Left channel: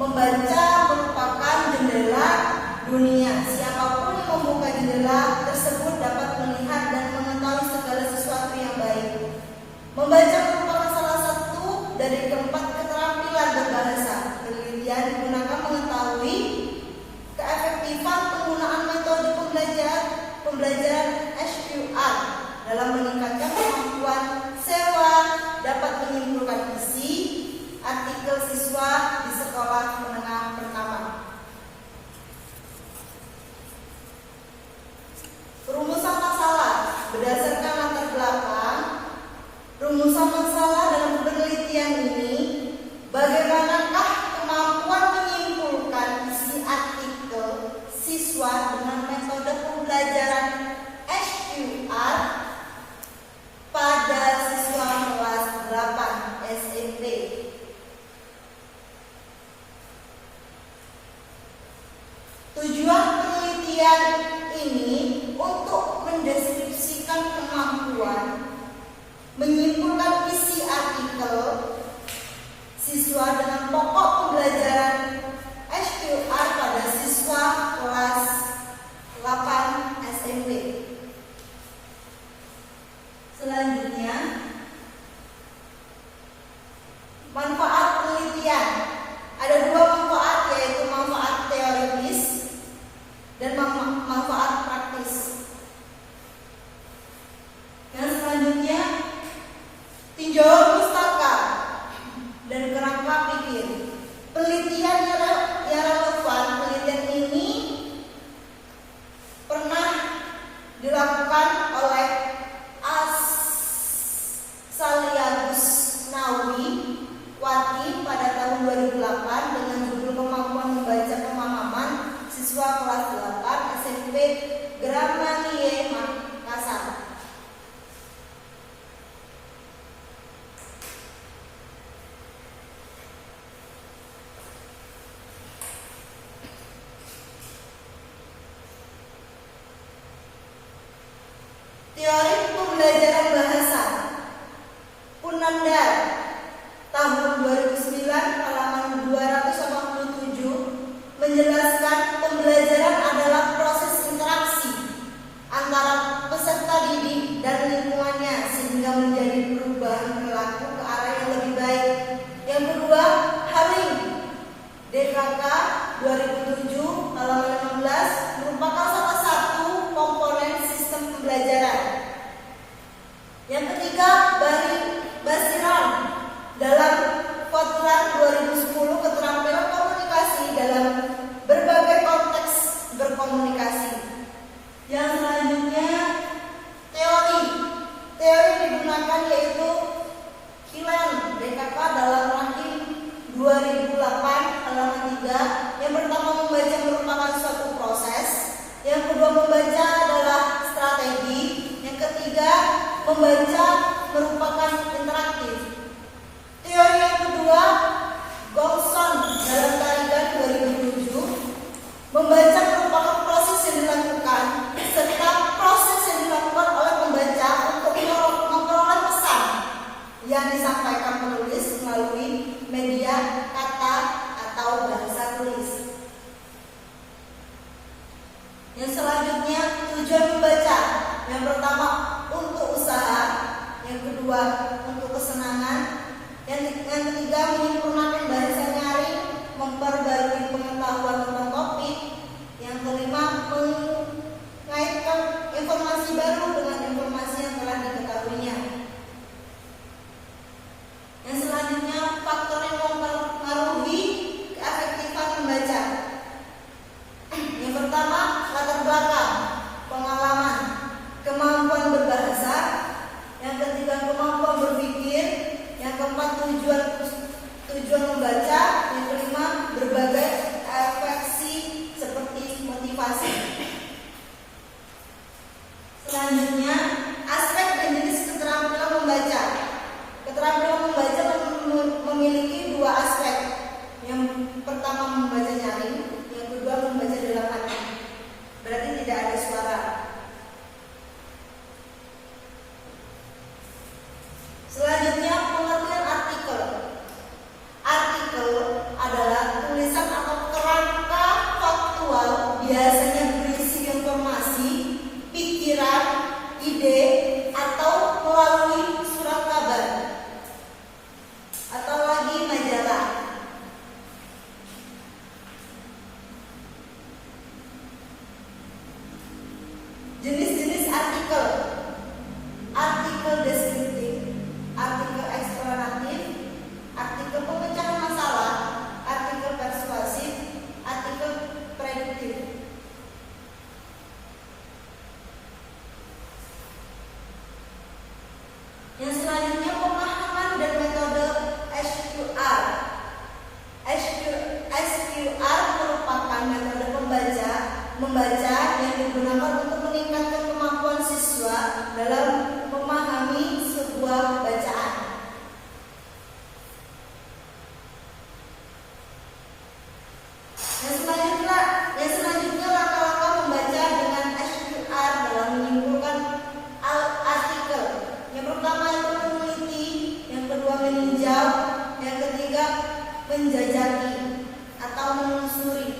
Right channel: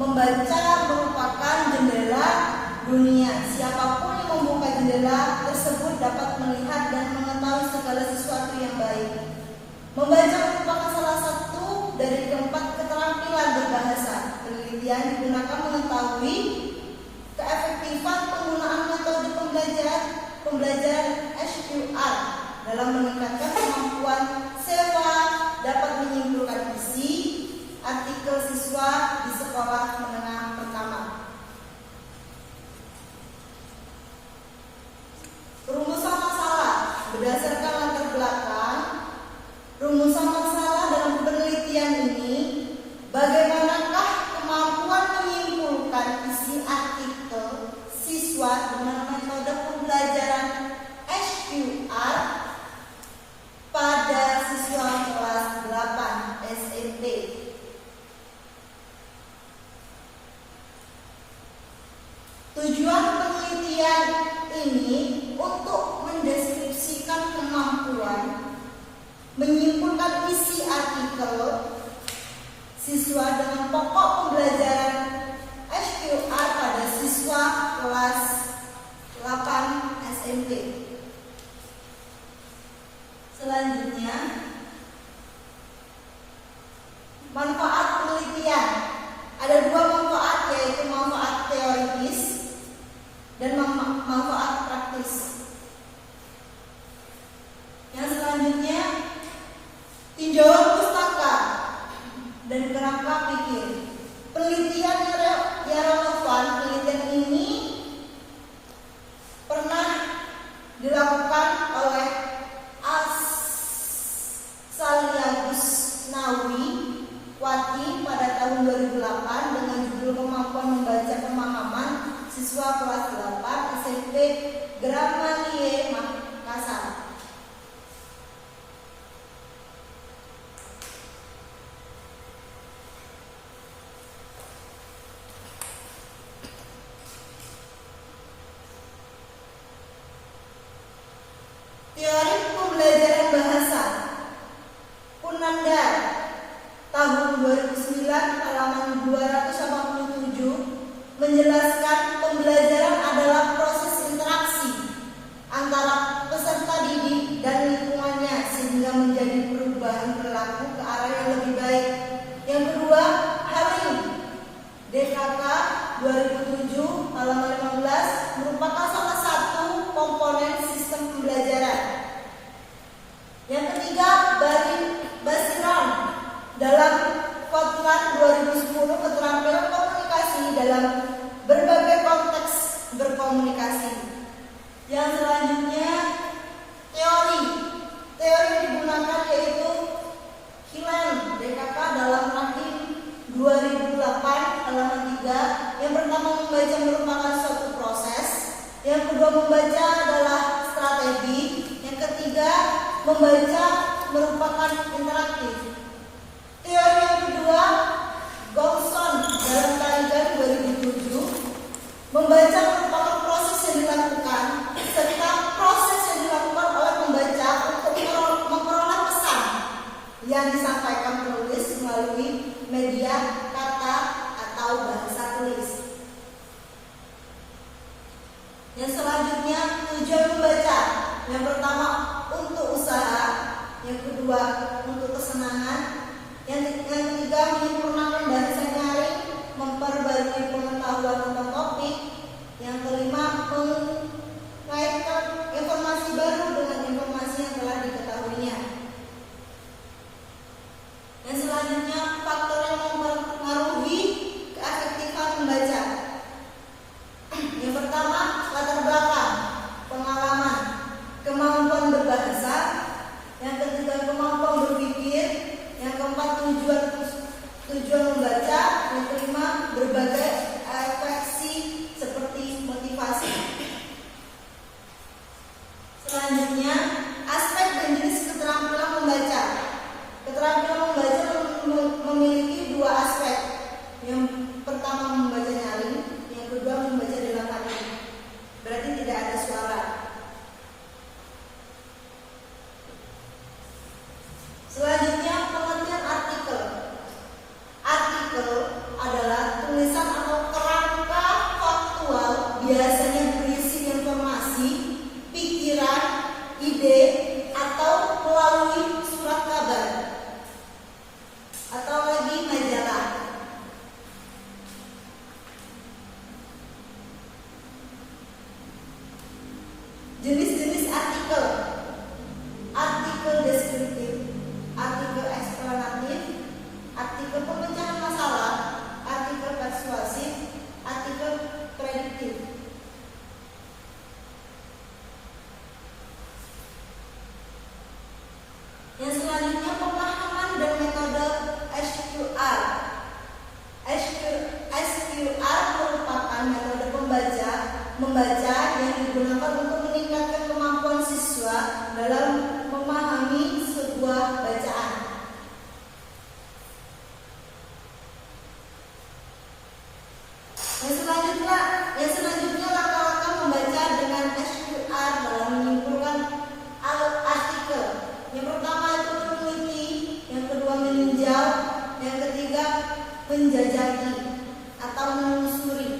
Membaca merupakan jendela dunia. Siapapun yang membuka jendela tersebut dapat melihat dan mengetahui segala sesuatu yang baik. Membaca merupakan salah satu dari keempat keterampilan berbahasa. Penelitian digunakan mengetahui keefektifan penggunaan metode pembelajaran SQR dalam meningkatkan kemampuan siswa dapat menyimpulkan isi artikel siswa di sekolah menengah pertama. Rumusan masalah berdasarkan latar belakang. Rumusan masalah dalam penelitian ini, bagaimanakah kemampuan menyimpulkan isi artikel siswa dengan metode pembelajaran SQR pada siswa kelas 8 SMP. Tujuan penelitian ini untuk mendeskripsikan kemampuan menyimpulkan isi artikel siswa dengan pokok pembelajaran SQR pada siswa kelas 8 SMP. Selanjutnya, manfaat penelitian. Ada dua manfaat, yaitu manfaat teoritis dan manfaat praktis. Yang selanjutnya, tinjauan pustaka dan kerangka pikir. Penelitian yang relevan. Penelitian ini pernah dilakukan oleh Saliagus Nawi Wati pada tahun 2008 dengan judul kemampuan membaca pemahaman siswa kelas 8 SMP Gramanie Makassar. Teori pembelajaran bahasa Punandar tahun 2009 halaman 287 menjelaskan pembelajaran adalah proses interaksi antara peserta didik dan lingkungannya sehingga menjadi perubahan perilaku ke arah yang lebih baik. Yang kedua, Haring DKK 2007 halaman 15 merupakan salah satu komponen sistem pembelajaran. Yang ketiga, Basiran dalam Kotran 2010 keterampilan komunikasi dalam berbagai konteks berkomunikasi. Yang selanjutnya, teori digunakan yaitu Hilan DKK dalam Rahim 2008 halaman 3. Yang pertama, membaca merupakan suatu proses. Yang kedua, membaca adalah strategi. Yang ketiga, membaca merupakan interaktif. Teori yang kedua, Gongson dalam Tarigan 2007, membaca merupakan proses yang dilakukan serta proses yang dilakukan oleh pembaca untuk memperoleh pesan yang disampaikan penulis melalui media kata atau bahasa tulis. Yang selanjutnya, tujuan membaca. Yang pertama, untuk usaha. Yang kedua, untuk kesenangan. Yang ketiga, menyempurnakan bahasa nyaring, memperbarui pengetahuan tentang topik. Yang kelima, mengaitkan informasi baru dengan informasi yang telah diketahuinya. Yang selanjutnya, faktor yang mempengaruhi keefektifan membaca. Yang pertama, latar belakang, pengalaman, kemampuan berbahasa. Yang ketiga, kemampuan berpikir. Yang keempat, tujuan membaca. membaca yang digunakan untuk meningkatkan kemampuan siswa dalam memahami sebuah bacaan. Yang selanjutnya langkah-langkah membaca dengan SQR dalam menyimpulkan artikel. Yang pertama itu meneliti, yang kedua meninjau, yang ketiga menjajaki atau menelusuri.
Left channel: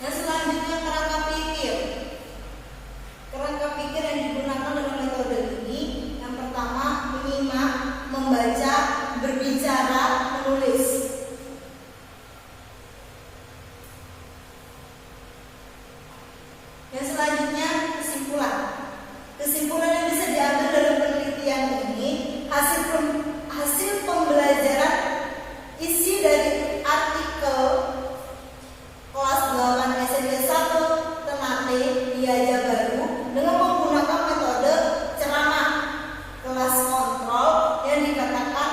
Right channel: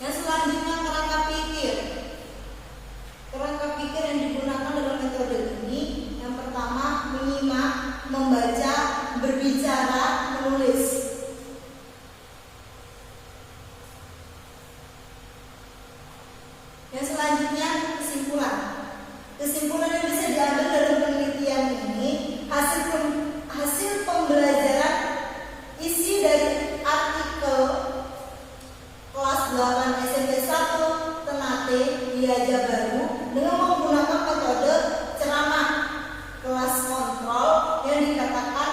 Yang selanjutnya kerangka pikir. Kerangka pikir yang digunakan dalam metode ini, yang pertama menyimak, membaca, berbicara, menulis. Yang selanjutnya kesimpulan. Kesimpulan yang bisa diambil dari penelitian ini hasil pembelajaran isi dari artikel kelas 8 SMP 1 Ternate Diaja Baru dengan menggunakan metode ceramah kelas kontrol yang dikatakan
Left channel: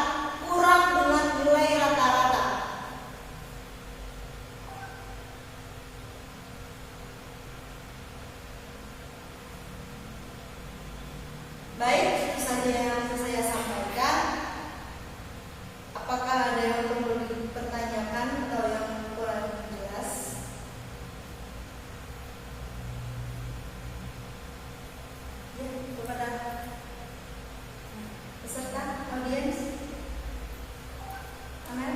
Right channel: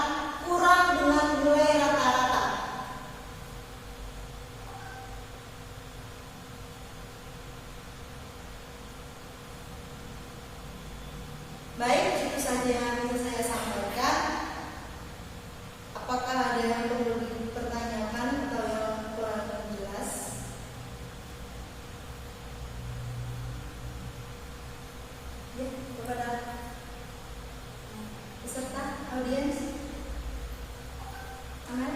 kurang dengan nilai rata-rata. Baik, itu saja yang bisa saya sampaikan. Apakah ada yang perlu dipertanyakan atau yang kurang jelas? Ya, kepada peserta, audiens. Aman?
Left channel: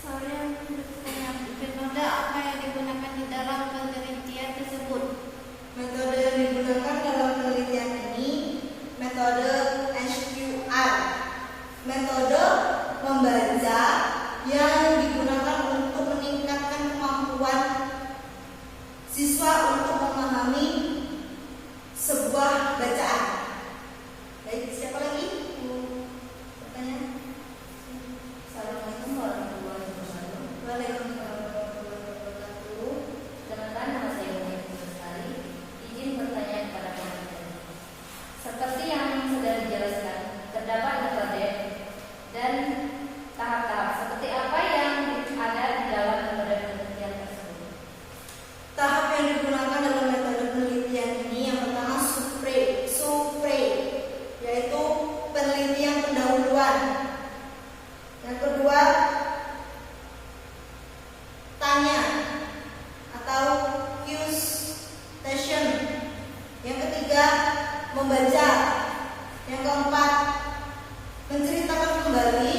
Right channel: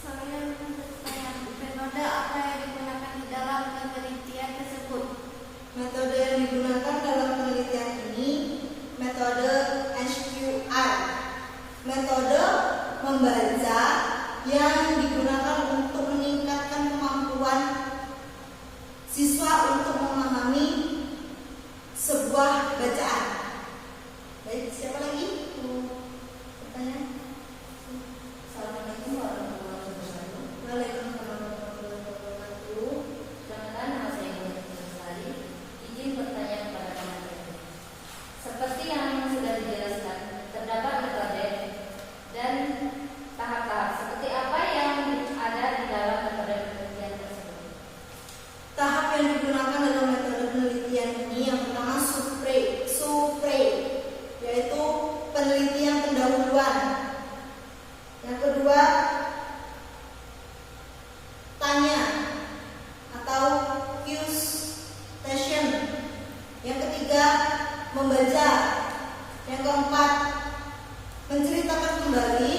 Saya metode apa yang digunakan di dalam penelitian tersebut? Metode yang digunakan dalam penelitian ini metode SQR, metode membaca yang digunakan untuk meningkatkan kemampuan siswa untuk memahami sebuah bacaan. Baik, siapa lagi? Pertanyaan? Assalamualaikum warahmatullahi wabarakatuh. Waalaikumsalam warahmatullahi wabarakatuh. Perkenalkan, nama saya Muhammad Sari. Izin bertanya kepada panitia. Seperti yang sudah dijelaskan, terdapat metode dan tahap-tahap. Seperti apa yang ada di dalam metode penelitian tersebut? Tahap yang digunakan dalam metode penelitian ini yang pertama survei, yaitu penelitian pendahuluan. Yang kedua tanya atau question. Yang ketiga membaca. Yang keempat menceritakan kembali.